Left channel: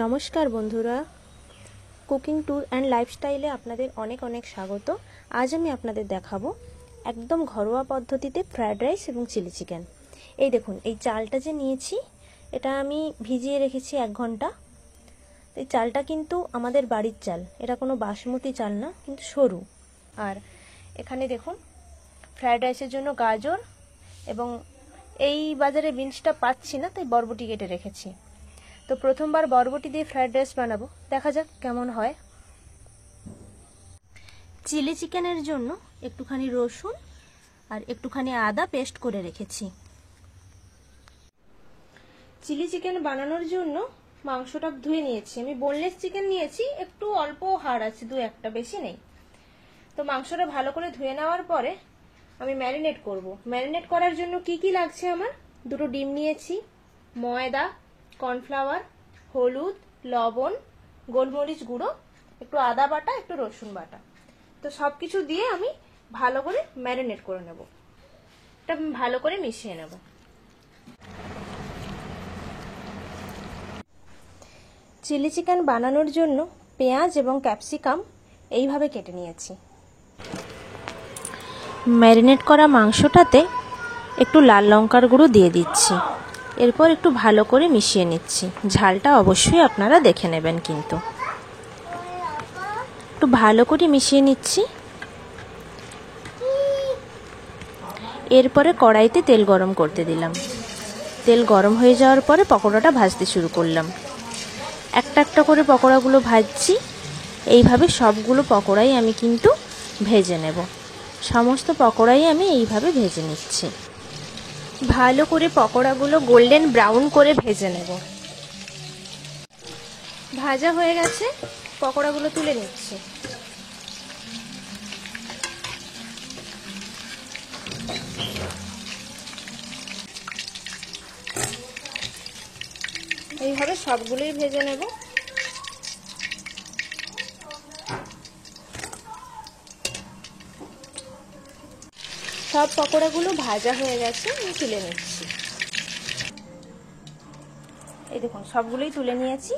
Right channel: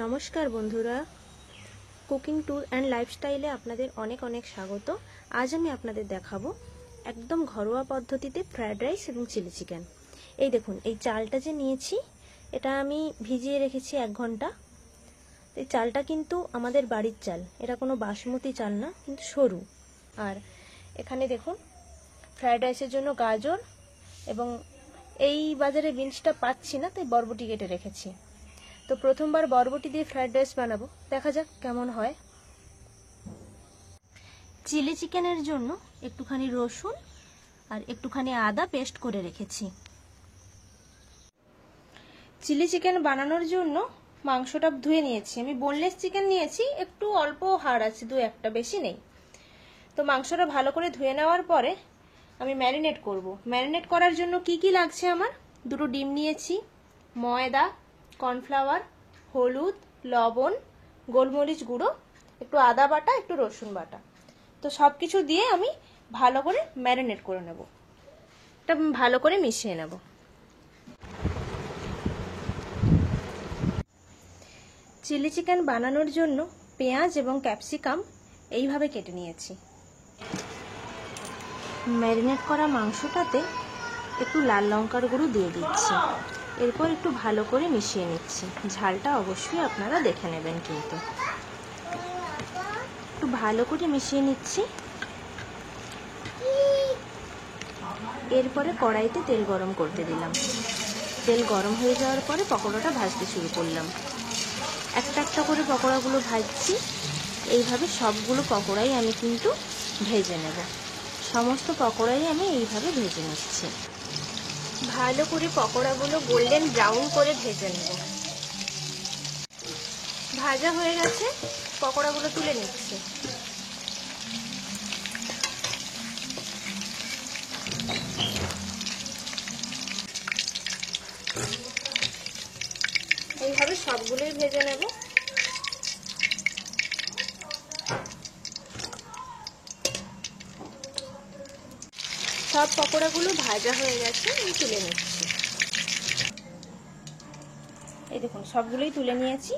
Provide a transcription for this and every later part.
নমস্কার বন্ধুরা, cooking tour and লাইফস্টাইলে আপনাদের অনেক অনেক স্বাগত। আজ আমি আপনাদের দেখাবো একদম ঘরোয়া পদ্ধতিতে ফ্রায়েড রাইস এবং চিলি চিকেন। এই দেখুন, এই চালটা যে নিয়েছি এটা আমি ভিজিয়ে রেখেছি 1 ঘন্টা। এই চালটা কিন্তু আমাদের বাড়ির চাল, এটা কোনো বাসমতি চাল না, কিন্তু সরু। আর এখানে দেখুন ফ্রায়েড রাইসের জন্য গাজর এবং এই বাজারে বিনসটা পাচ্ছি না, তাই বরবটি কেটে রেখেছি। তো প্রথমবার বরবটি দিয়ে ফ্রায়েড রাইস বানাবো, দেখা যাক কেমন হয়। চিলি চিকেনের জন্য একটুখানি রসুন আর একটুখানি আদা পেস্ট করে রেখেছি। চিলি চিকেন বানানোর জন্য মাংসটা ধুয়ে নিয়েছি। আমি বোনলেস চিকেন নিয়েছি, একটু অল্প হাড় আছে, 2-1টা, বেশি নেই। তো মাংসটা ভালো করে ধুয়ে নেওয়ার পরে আমি ম্যারিনেট করব। ম্যারিনেট করার জন্য কি কি লাগছে আমার: 2টো ডিম নিয়েছি, ময়দা, কর্নফ্লাওয়ার, হলুদ, লবণ, গোলমরিচ গুঁড়ো, একটু আদা বাটা, একটু রসুন বাটা। তো সব কিছু দিয়ে আমি ভালো করে ম্যারিনেট করে নেব। এটা ভালো করে মিশিয়ে নেব। চিলি চিকেন বানানোর জন্য পেঁয়াজ এবং ক্যাপসিকাম এইভাবে কেটে নিয়েছি। ম্যারিনেট করা মাংসটাতে একটু লাল লঙ্কার গুঁড়ো দিয়ে দিচ্ছি। এরপর একটু ভালো করে মিশিয়ে নিচ্ছি। ঝালটা অবশ্যই আপনারা দেখে নেবেন, কিন্তু একটু ভালো করে মিশিয়ে নিচ্ছি। এরপরে কড়াইতে তেল গরম করতে দিলাম। তেল গরম হয়ে যাওয়ার পরে পকোড়াটা ভাজতে শুরু করলাম। একটা একটা করে পকোড়াগুলো ভাজছি। এইভাবে সবগুলো পকোড়াই আমি কিন্তু ভেজে নেব। সমস্ত পকোড়াই আমি এইভাবে ভেজে নিচ্ছি। ভালো করে পকোড়াগুলো গোল্ডেন ব্রাউন করে ভেজে নেব। ভাজা হয়ে গেছে, পকোড়াগুলো তুলে নিচ্ছি। এইভাবে সবগুলোই ভেজে নেব। সব পকোড়াগুলো ভাজা হয়ে গেছে, আমি তুলে নিচ্ছি। এই দেখুন, সবগুলোই তুলে নিয়েছি।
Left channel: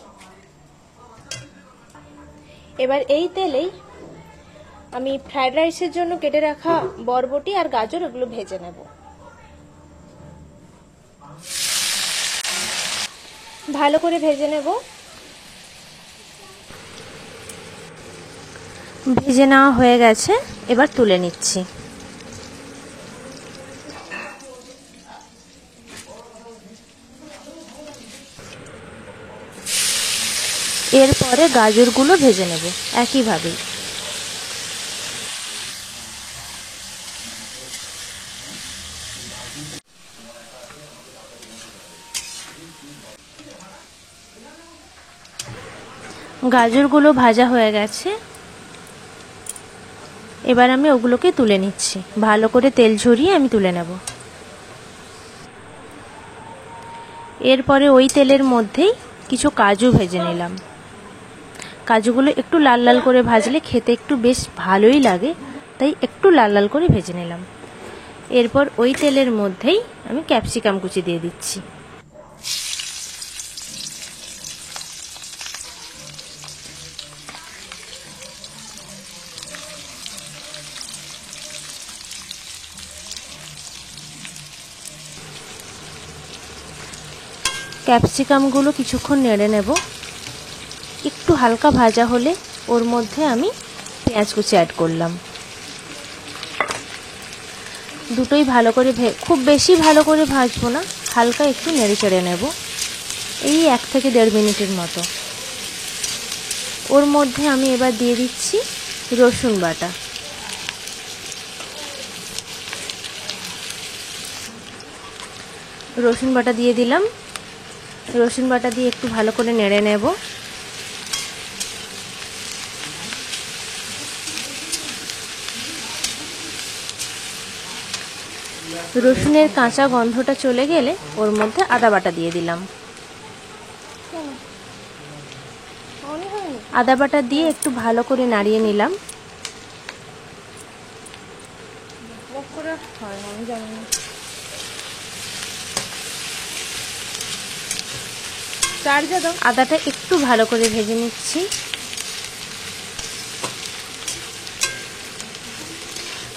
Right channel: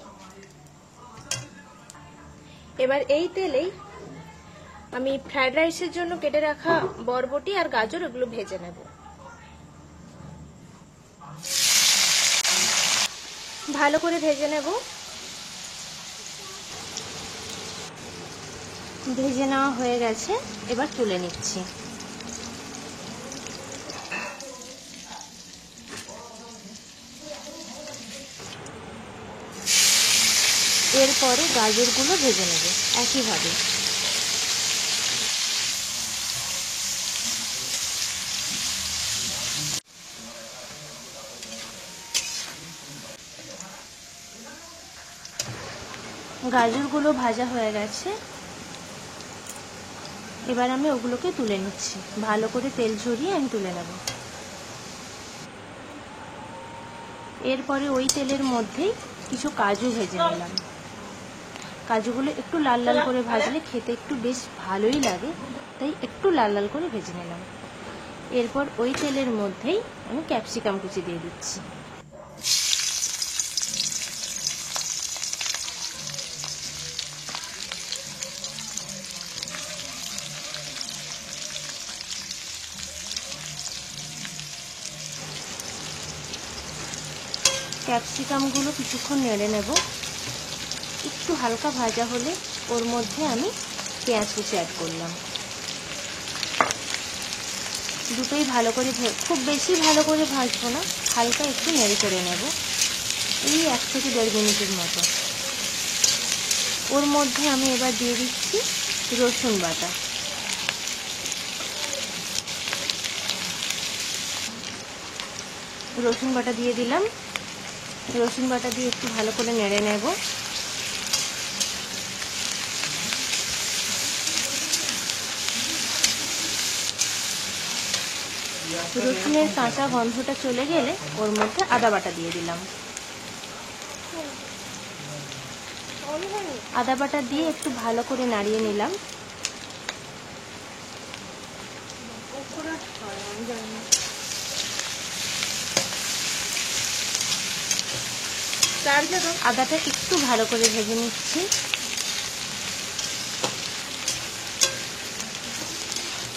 এবার এই তেলেই আমি ফ্রায়েড রাইসের জন্য কেটে রাখা বরবটি আর গাজর এগুলো ভেজে নেব। ভালো করে ভেজে নেব। ভেজে নেওয়া হয়ে গেছে, এবার তুলে নিচ্ছি। এরপরে গাজরগুলো ভেজে নেব একইভাবে। গাজরগুলো ভাজা হয়ে গেছে, এবার আমি ওগুলোকে তুলে নিচ্ছি। ভালো করে তেল ঝরিয়ে আমি তুলে নেব। এরপরে ওই তেলের মধ্যেই কিছু কাজু ভেজে নিলাম। কাজুগুলো একটু লাল লাল করে ভাজলে খেতে একটু বেশ ভালোই লাগে, তাই একটু লাল লাল করে ভেজে নিলাম। এরপর ওই তেলের মধ্যেই আমি ক্যাপসিকাম কুচি দিয়ে দিচ্ছি। ক্যাপসিকামগুলো কিছুক্ষণ নেড়ে নেব। একটু হালকা ভাজা হলে ওর মধ্যে আমি পেঁয়াজ কুচি অ্যাড করলাম। দুটোই ভালো করে খুব বেশি ভালো করে ভাজবো না, হালকা একটু নেড়ে চেড়ে নেব, এই 1 থেকে 1.5 মিনিটের মতো। ওর মধ্যে আমি এবার দিয়ে দিচ্ছি রসুন বাটা। রসুন বাটা দিয়ে দিলাম। রসুন বাটা দিয়ে একটু ভালো করে নেড়ে নেব। রসুনের কাঁচা গন্ধটা চলে গেলে ওর মধ্যে আদা বাটা দিয়ে দিলাম। আদা বাটা দিয়ে একটু ভালো করে নাড়িয়ে নিলাম। আদাটা একটু ভালো করে ভেজে নিচ্ছি।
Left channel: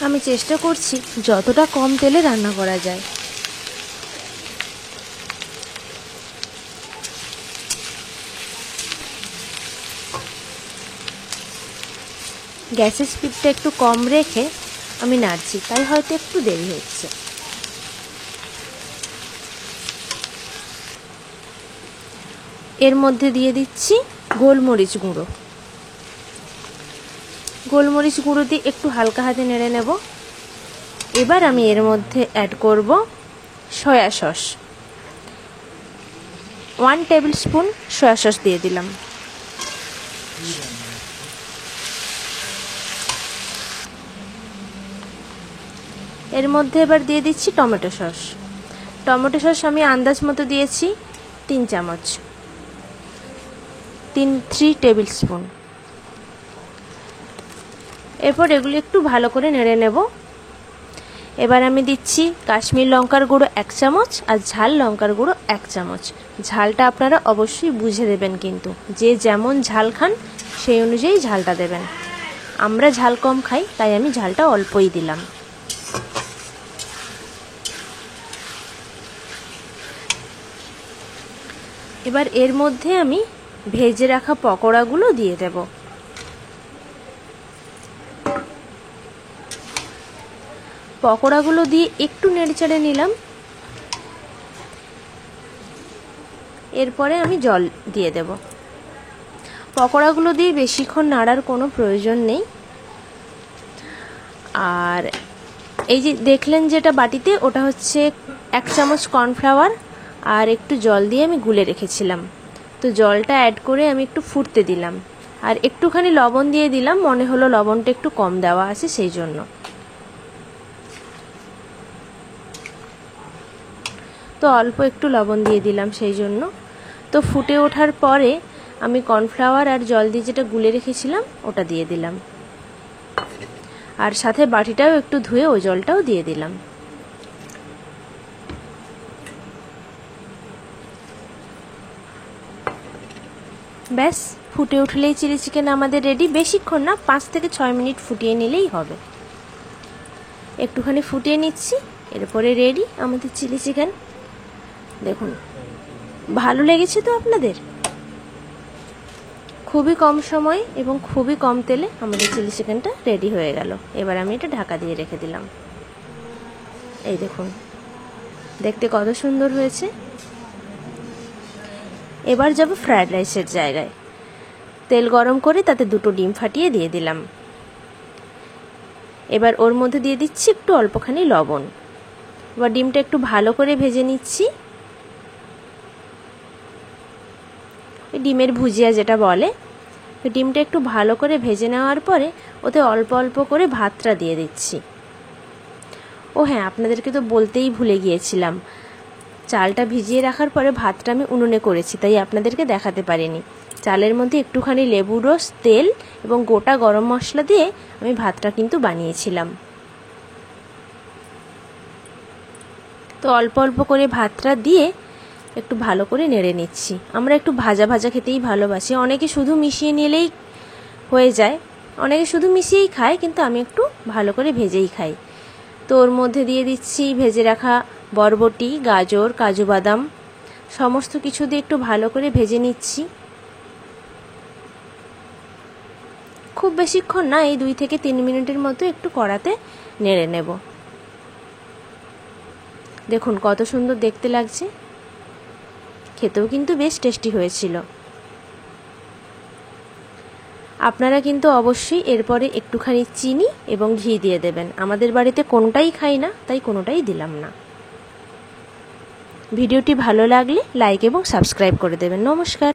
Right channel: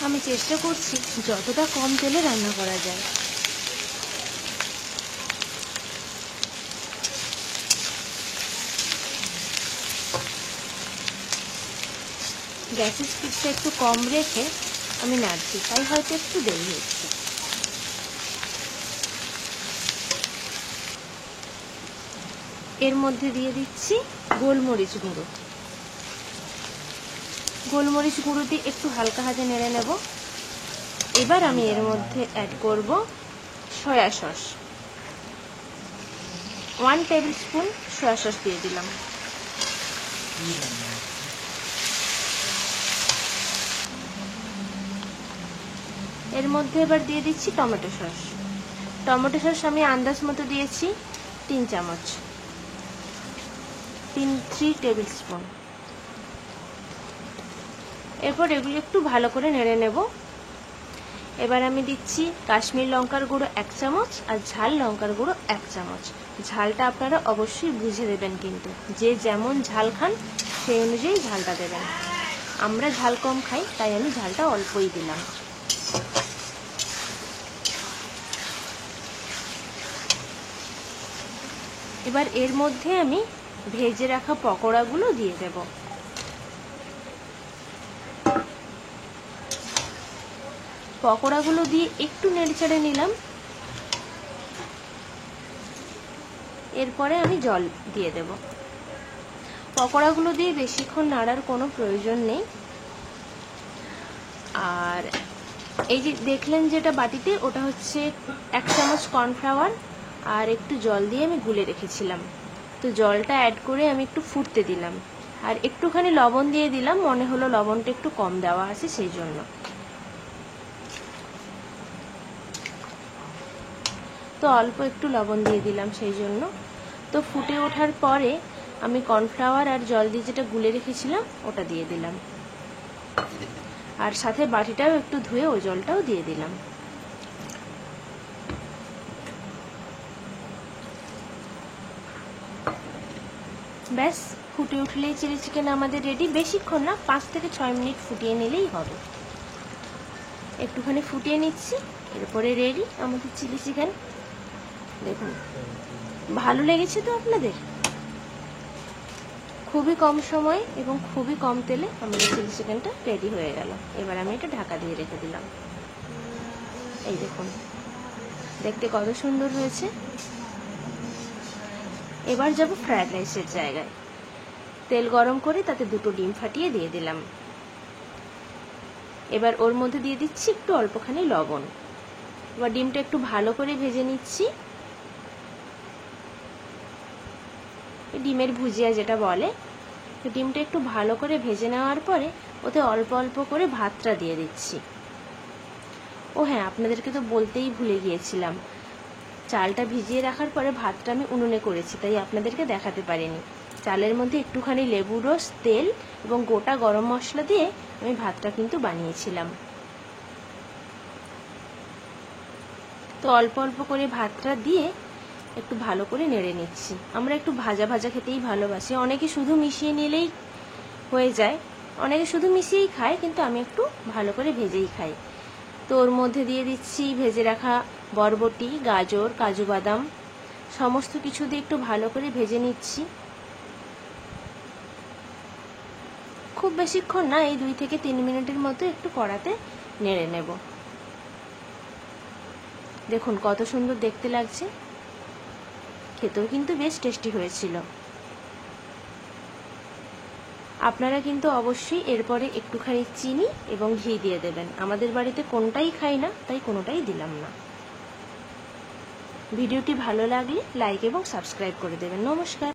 আমি চেষ্টা করছি যতটা কম তেলে রান্না করা যায়। গ্যাসের স্পিডটা একটু কম রেখে আমি নাড়ছি, তাই হয়তো একটু দেরি হচ্ছে। এর মধ্যে দিয়ে দিচ্ছি গোলমরিচ গুঁড়ো। গোলমরিচ গুঁড়ো দিয়ে একটু হালকা হাতে নেড়ে নেব। এবার আমি এর মধ্যে অ্যাড করব soya sauce. 1 table spoon soya sauce দিয়ে দিলাম। এর মধ্যে এবার দিয়ে দিচ্ছি টমেটো সস। টমেটো সস আমি আন্দাজ মতো দিয়েছি 3 চামচ, 3 টেবিল স্পুন। এরপর এগুলো একটু ভালো করে নেড়ে নেব। এবার আমি দিচ্ছি কাশ্মীর লঙ্কার গুঁড়ো 1 চামচ আর ঝাল লঙ্কার গুঁড়ো 1 চামচ। ঝালটা আপনারা অবশ্যই বুঝে দেবেন, কিন্তু যে যেমন ঝাল খান সেই অনুযায়ী ঝালটা দেবেন। আমরা ঝাল কম খাই, তাই আমি ঝালটা অল্পই দিলাম। এবার এর মধ্যে আমি ভেজে রাখা পকোড়াগুলো দিয়ে দেব। পকোড়াগুলো দিয়ে একটু নেড়েচেড়ে নিলাম। এরপরে আমি জল দিয়ে দেব। পকোড়াগুলো দিয়ে বেশিক্ষণ নাড়ার কোনো প্রয়োজন নেই। আর এই যে দেখলেন যেটা বাটিতে, ওটা হচ্ছে 1 চামচ কর্নফ্লাওয়ার আর একটু জল দিয়ে আমি গুলে রেখেছিলাম। তো জলটা অ্যাড করে আমি একটু ফুটতে দিলাম, আর একটুখানি লবণ দিয়ে দিলাম। মনে হলো লবণটা একটু কম দেওয়া আছে, সেই জন্য। তো অল্প একটু লবণ দিয়ে দিলাম সেই জন্য। তো ফুটে ওঠার পরে আমি কর্নফ্লাওয়ার আর জল দিয়ে যেটা গুলে রেখেছিলাম ওটা দিয়ে দিলাম, আর সাথে বাটিটাও একটু ধুয়ে ওই জলটাও দিয়ে দিলাম। ব্যাস, ফুটে উঠলেই চিলি চিকেন আমাদের রেডি। বেশিক্ষণ না, 5 থেকে 6 মিনিট ফুটিয়ে নিলেই হবে। একটুখানি ফুটিয়ে নিচ্ছি, এরপরে রেডি আমাদের চিলি চিকেন। দেখুন, ভালো লেগেছে তো আপনাদের? খুবই কম সময় এবং খুবই কম তেলে আমাদের চিলি চিকেনটা রেডি হয়ে গেল। এবার আমি এটা ঢাকা দিয়ে রেখে দিলাম। এই দেখুন, দেখতে কত সুন্দর হয়েছে। এবার যাব ফ্রায়েড রাইসের জায়গায়। তেল গরম করে তাতে 2টো ডিম ফাটিয়ে দিয়ে দিলাম। এবার ওর মধ্যে দিয়ে দিচ্ছি একটু অল্পখানি লবণ। এবার ডিমটা একটু ভালো করে ভেজে নিচ্ছি। ডিমের ভুজিয়া যেটা বলে, ডিমটা একটু ভালো করে ভেজে নেওয়ার পরে ওতে অল্প অল্প করে ভাতটা দিয়ে দিচ্ছি। ও হ্যাঁ, আপনাদেরকে তো বলতেই ভুলে গিয়েছিলাম, চালটা ভিজিয়ে রাখার পরে ভাতটা আমি উনুনে করেছি, তাই আপনাদেরকে দেখাতে পারিনি। চালের মধ্যে একটুখানি লেবুর রস, তেল এবং গোটা গরম মশলা দিয়ে আমি ভাতটা কিন্তু বানিয়েছিলাম। তো অল্প অল্প করে ভাতটা দিয়ে একটু ভালো করে নেড়ে নিচ্ছি। আমরা একটু ভাজা ভাজা খেতেই ভালোবাসি। অনেকে শুধু মিশিয়ে নিলেই হয়ে যায়, অনেকে শুধু মিশিয়েই খায়, কিন্তু আমি একটু ভালো করে ভেজেই খাই। তো ওর মধ্যে দিয়ে দিচ্ছি ভেজে রাখা বরবটি, গাজর, কাজু বাদাম, সমস্ত কিছু দিয়ে একটু ভালো করে ভেজে নিচ্ছি। খুব বেশিক্ষণ না, এই 2 থেকে 3 মিনিটের মতো একটু কড়াতে নেড়ে নেব। দেখুন কত সুন্দর দেখতে লাগছে, খেতেও কিন্তু বেশ টেস্টি হয়েছিল। আপনারা কিন্তু অবশ্যই এরপরে একটুখানি চিনি এবং ঘি দিয়ে দেবেন। আমাদের বাড়িতে কোনোটাই খাই না, তাই কোনোটাই দিলাম না। ভিডিওটি ভালো লাগলে লাইক এবং সাবস্ক্রাইব করে দেবেন। নমস্কার।